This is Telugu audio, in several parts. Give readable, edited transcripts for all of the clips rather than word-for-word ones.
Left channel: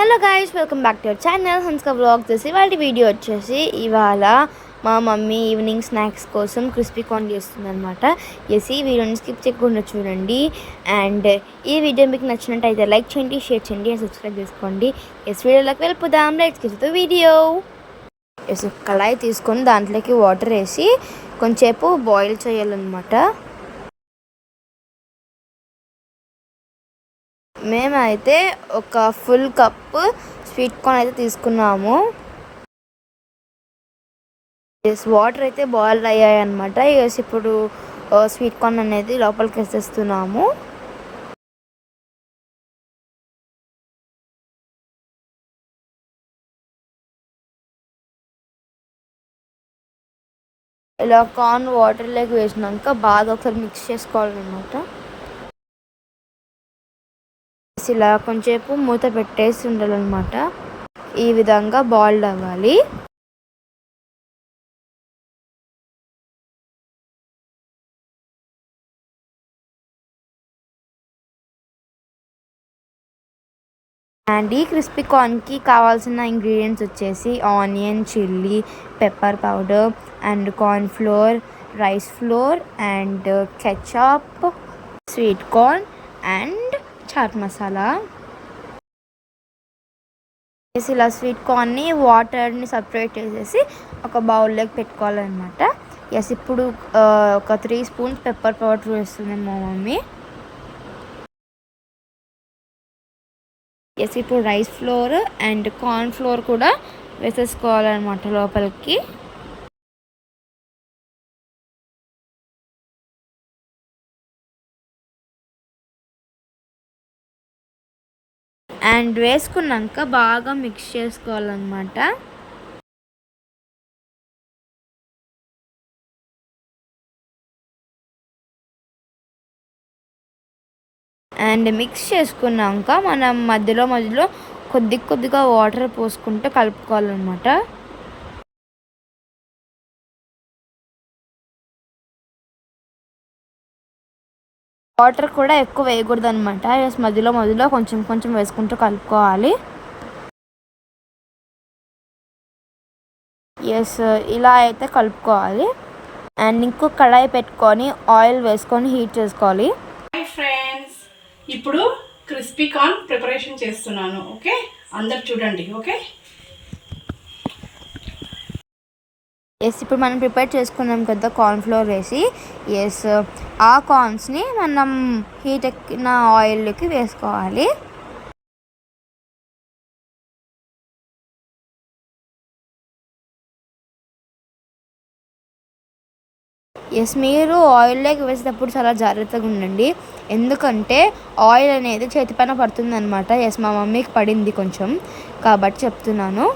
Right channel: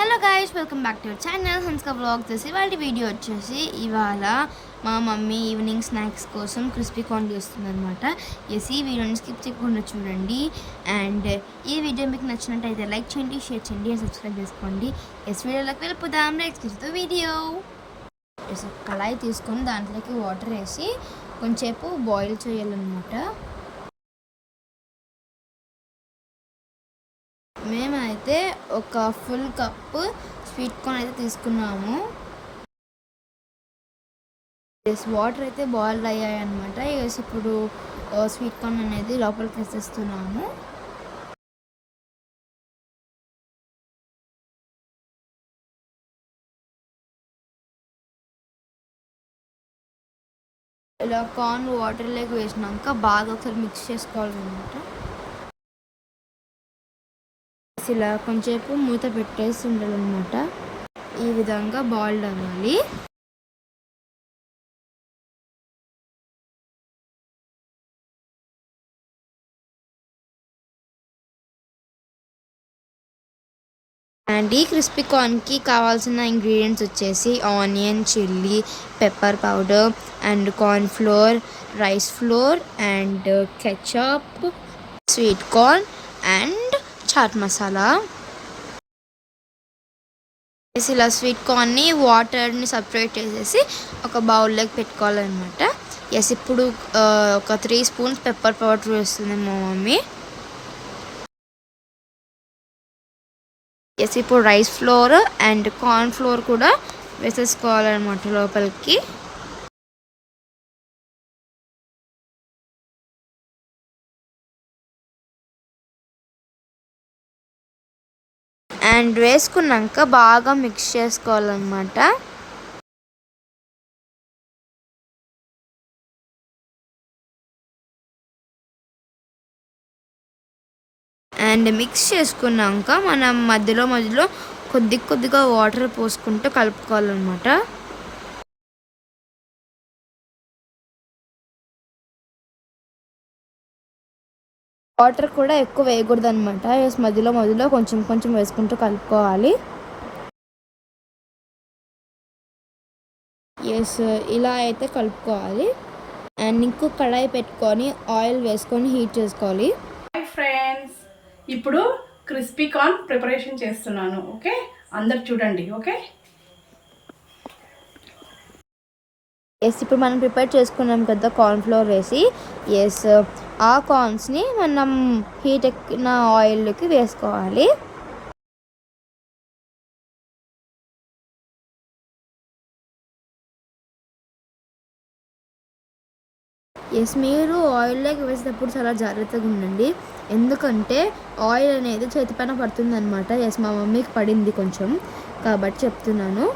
Hello guys, welcome back to our channel హన్స్కా వ్లాగ్స్. ఇవాళ వీడియో వచ్చేసి ఇవాళ మా మమ్మీ ఈవినింగ్ స్నాక్స్ కోసం క్రిస్పీ కార్న్ చేస్తుందన్నమాట. ఈ వీడియోని స్కిప్ చేయకుండా చూడండి. అండ్ ఈ వీడియో మీకు నచ్చినట్టయితే లైక్ చేయండి, షేర్ చేయండి అండ్ సబ్స్క్రైబ్ చేసుకోండి. వీడియోలోకి వెళ్ళిపోదాం. Let's get to video. కళాయి తీసుకొని దాంట్లోకి వాటర్ వేసి కొంచెంసేపు బాయిల్ చేయాలన్నమాట. మేమైతే ఒక ఫుల్ కప్పు స్వీట్ కార్న్ అయితే తీసుకున్నాము. వాటర్ అయితే బాయిల్ అయ్యాయి అనమాట. ఇప్పుడు స్వీట్ కార్న్ అనేది లోపలికి వేసేస్తున్నాము. ఇలా కార్న్ వాటర్లోకి వేసినాక బాగా ఒకసారి మిక్స్ చేసుకోవాలన్నమాట. ఇలా కొంచెంసేపు మూత పెట్టేసి ఉండాలన్నమాట. ఈ విధంగా బాయిల్డ్ అవ్వాలి. అండ్ ఈ క్రిస్పీ కార్న్కి కావాల్సిన ఇంగ్రీడియంట్స్ వచ్చేసి onion, chilli, pepper powder and corn flour, rice flour and ketchup, sweet corn and chaat masala. ఇలా స్వీట్ కార్న్ని వాటర్ని సపరేట్ చేసేసి ఒక బౌల్లోకి పెట్టుకోవాలన్నమాట. ఇప్పుడు ఒక 3 స్పూన్స్ పెప్పర్ పౌడర్ వేస్తుంది మా మమ్మీ. ఇప్పుడు rice flour and corn floor కూడా వేసేసుకోవాలన్నమాట లోపలికి. అండ్ వేసుకున్నాక బాగా మిక్స్ చేసుకోవాలన్నమాట. అండ్ మిక్స్ చేసుకున్నాక మనం మధ్యలో కొద్దిగా వాటర్ పోసుకుంటూ కలుపుకోవాలన్నమాట. వాటర్ కూడా ఎక్కువ వేయకూడదు అనమాట. మధ్యలో కొంచెం వేసుకుంటూ కలుపుకోవాలి. ఇలా అయితే కలుపుకోవాలి. అండ్ ఇంకో కడాయి పెట్టుకొని ఆయిల్ వేసుకొని హీట్ చేసుకోవాలి. హాయ్ ఫ్రెండ్స్, ఇప్పుడు క్రిస్పీ కార్న్ ప్రిపరేషన్ చేస్తున్నాను. ఓకే, అందరు చూడండి. ఓకే, ఇప్పుడు మనం ప్రిపేర్ చేసుకున్నాం కదా కార్న్ ఫ్లోర్ వేసి. ఆ కార్న్స్ని మనం హీట్ ఎక్కిన ఆయిల్లోకి వేసుకోవాలి. మీరు ఆయిల్లోకి వేసేటప్పుడు చాలా జాగ్రత్తగా ఉండండి, ఎందుకంటే ఆయిల్ అనేది చేతి పైన పడుతుంది అనమాట. మా మమ్మీకి పడింది కొంచెం, కాబట్టి చెప్తున్నాను.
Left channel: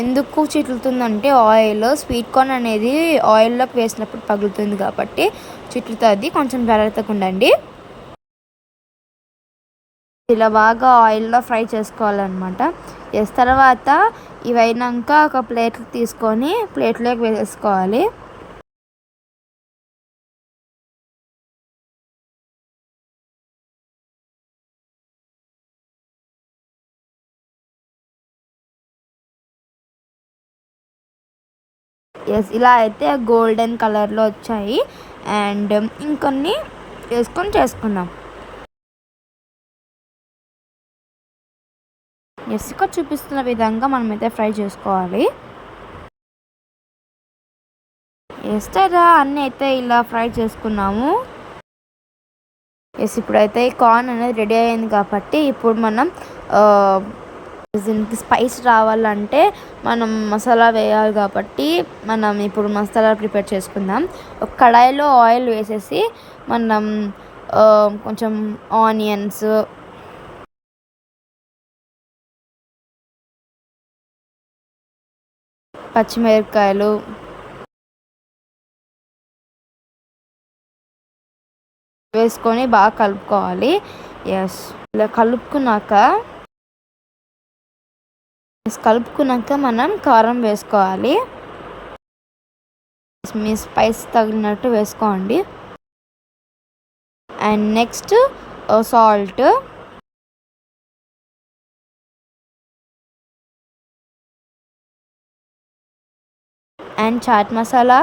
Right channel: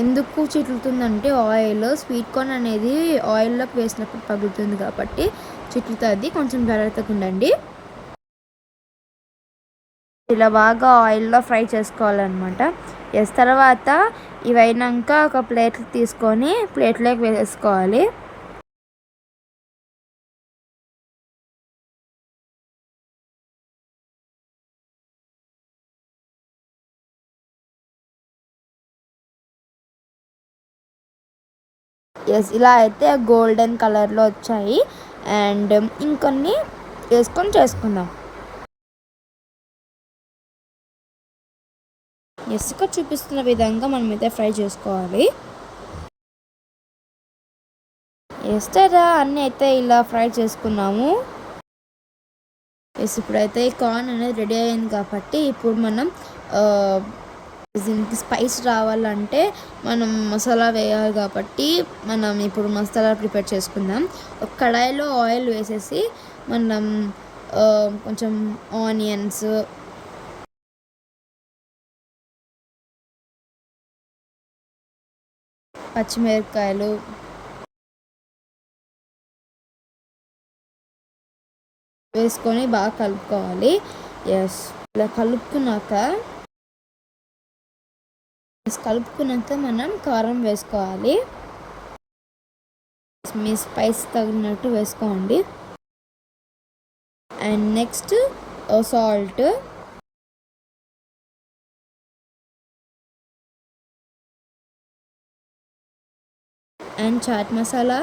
ఎందుకు చిట్లుతుందంటే ఆయిల్ స్వీట్ కార్న్ అనేది ఆయిల్లోకి వేసినప్పుడు పగులుతుంది కాబట్టి చిట్లుతుంది. కొంచెం జాగ్రత్తగా ఉండండి. ఇలా బాగా ఆయిల్లో ఫ్రై చేసుకోవాలన్నమాట. తర్వాత ఇవైనాక ఒక ప్లేట్ తీసుకొని ప్లేట్లోకి వేసేసుకోవాలి. ఇలా అయితే గోల్డెన్ కలర్లో వచ్చాయి. అండ్ ఇంకొన్ని వేసుకొని చేసుకుందాం. ఇక్కడ చూపిస్తున్న విధంగా మనమైతే ఫ్రై చేసుకోవాలి. వేస్తారా అన్నీ అయితే ఇలా ఫ్రై చేసుకున్నాము. ఇప్పుడైతే ఈ కార్న్ అనేది రెడీ అయ్యింది కాబట్టి ఇప్పుడు మనం దీనికి స్పైస్ రావాలంటే మనం మసాలా వేయాలి కాబట్టి మనం ఇప్పుడు మసాలా ప్రిపేర్ చేసుకుందాం. ఒక కడాయిలో ఆయిల్ వేసేసి మనం కొంచెం ఆనియన్స్, పచ్చిమిరపకాయలు, వేసుకొని బాగా కలుపుకోవాలి. ఇలా కలుపుకున్నాక మనం కారం వేసుకోవాలి. మీ స్పైస్ తగినట్టు వేసుకోండి. And next salt, and chaat masala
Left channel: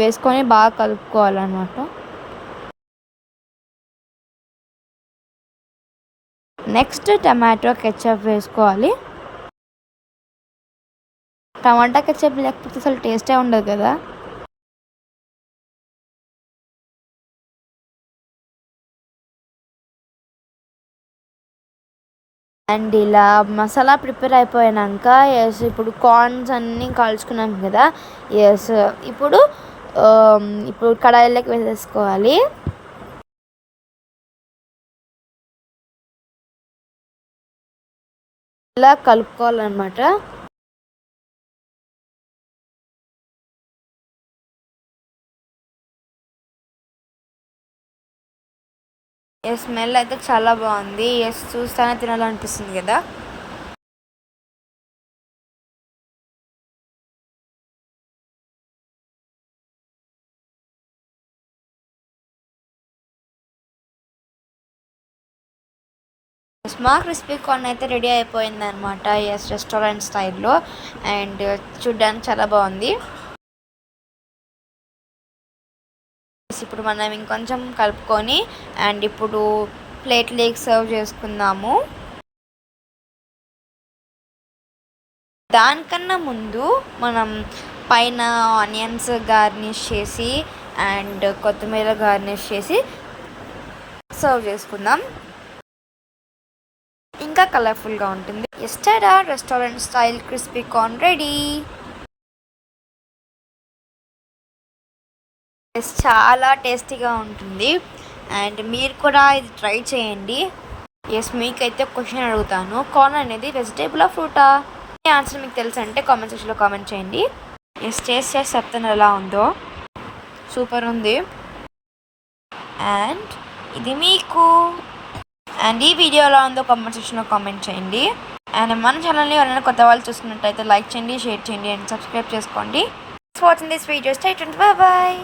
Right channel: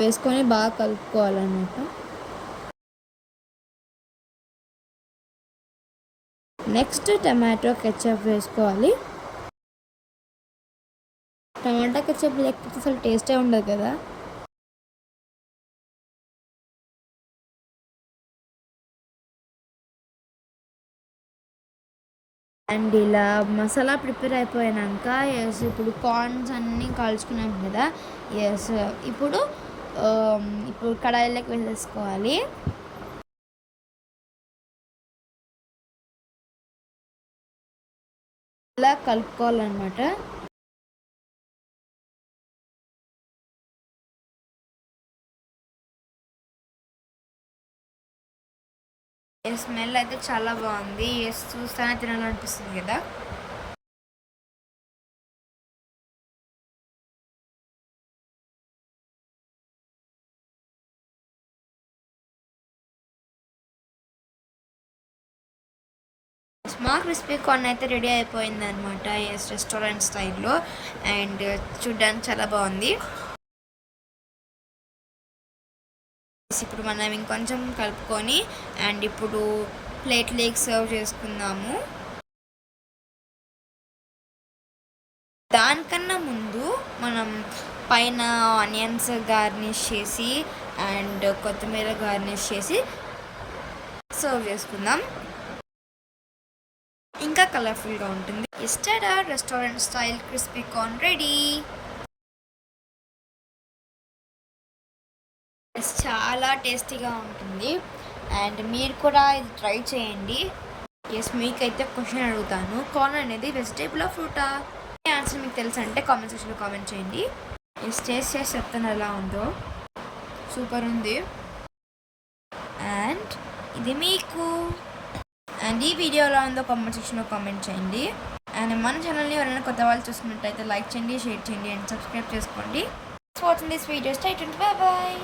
వేసుకొని బాగా కలుపుకోవాలన్నమాట. నెక్స్ట్ టమాటో కెచప్ వేసుకోవాలి. టమాటా కెచప్ లేకపోతే అసలు టేస్టే ఉండదు కదా. అండ్ ఇలా మసాలా ప్రిపేర్ అయిపోయాక ఇప్పుడు కార్న్స్ అన్నీ కాల్చుకున్నాం కదా. ఇప్పుడు కడాయిలోకి వేసేసుకోవాలి. ఇలా కలుపుకోవాలన్నమాట. స్మెల్ అయితే చాలా బాగుంది. చూస్తానే తినాలనిపిస్తుంది కదా. మా క్రిస్పీ కార్న్ అయితే రెడీ అయిపోయింది అనమాట. రెస్టారెంట్ స్టైల్లో. అండ్ చూడ్డానికి చాలా బాగుంది. ఇప్పుడు మనం ఇంకొంచెం కలుపుకొని అండ్ ఇప్పుడు ప్లేట్లోకి సర్వ్ చేసుకుందాము. దానికన్నా ముందు మనం పైన ఆనియన్స్ గార్నిష్ చేసి అండ్ కొత్తిమీర గార్నిష్ చేసి సర్వ్ చేసుకుందాం. ఇంకా కలర్ఫుల్గా ఉంటుంది. ఎస్టరా restaurant style crispy corn ready. చాలా టేస్టీగా ఉంటుంది. అండ్ మీరు కూడా ఇది ట్రై చేయండి. మీకైతే క్వశ్చన్ అడుగుతాను, కార్న్ అనేది వెజిటేబులా ఫ్రూటా? ఈ ఆన్సర్ మీకు తెలుసు అంటే కామెంట్ సెక్షన్లో కామెంట్ చేయండి. టేస్ట్ చేసి చెప్తాను ఎలా ఉందో. సూపర్ ఉంది. అండ్ ఇది మీకు అండ్ ఈ వీడియో ఎలా ఉందో కామెంట్ సెక్షన్లో కామెంట్ చేయండి. అండ్ మన ఛానల్ని ఎవరైనా కొత్త వాళ్ళు చూస్తున్నట్టయితే లైక్ చేయండి, షేర్ చేయండి అండ్ సబ్స్క్రైబ్ చేసుకోండి. Watching this video. Stay tuned. By by.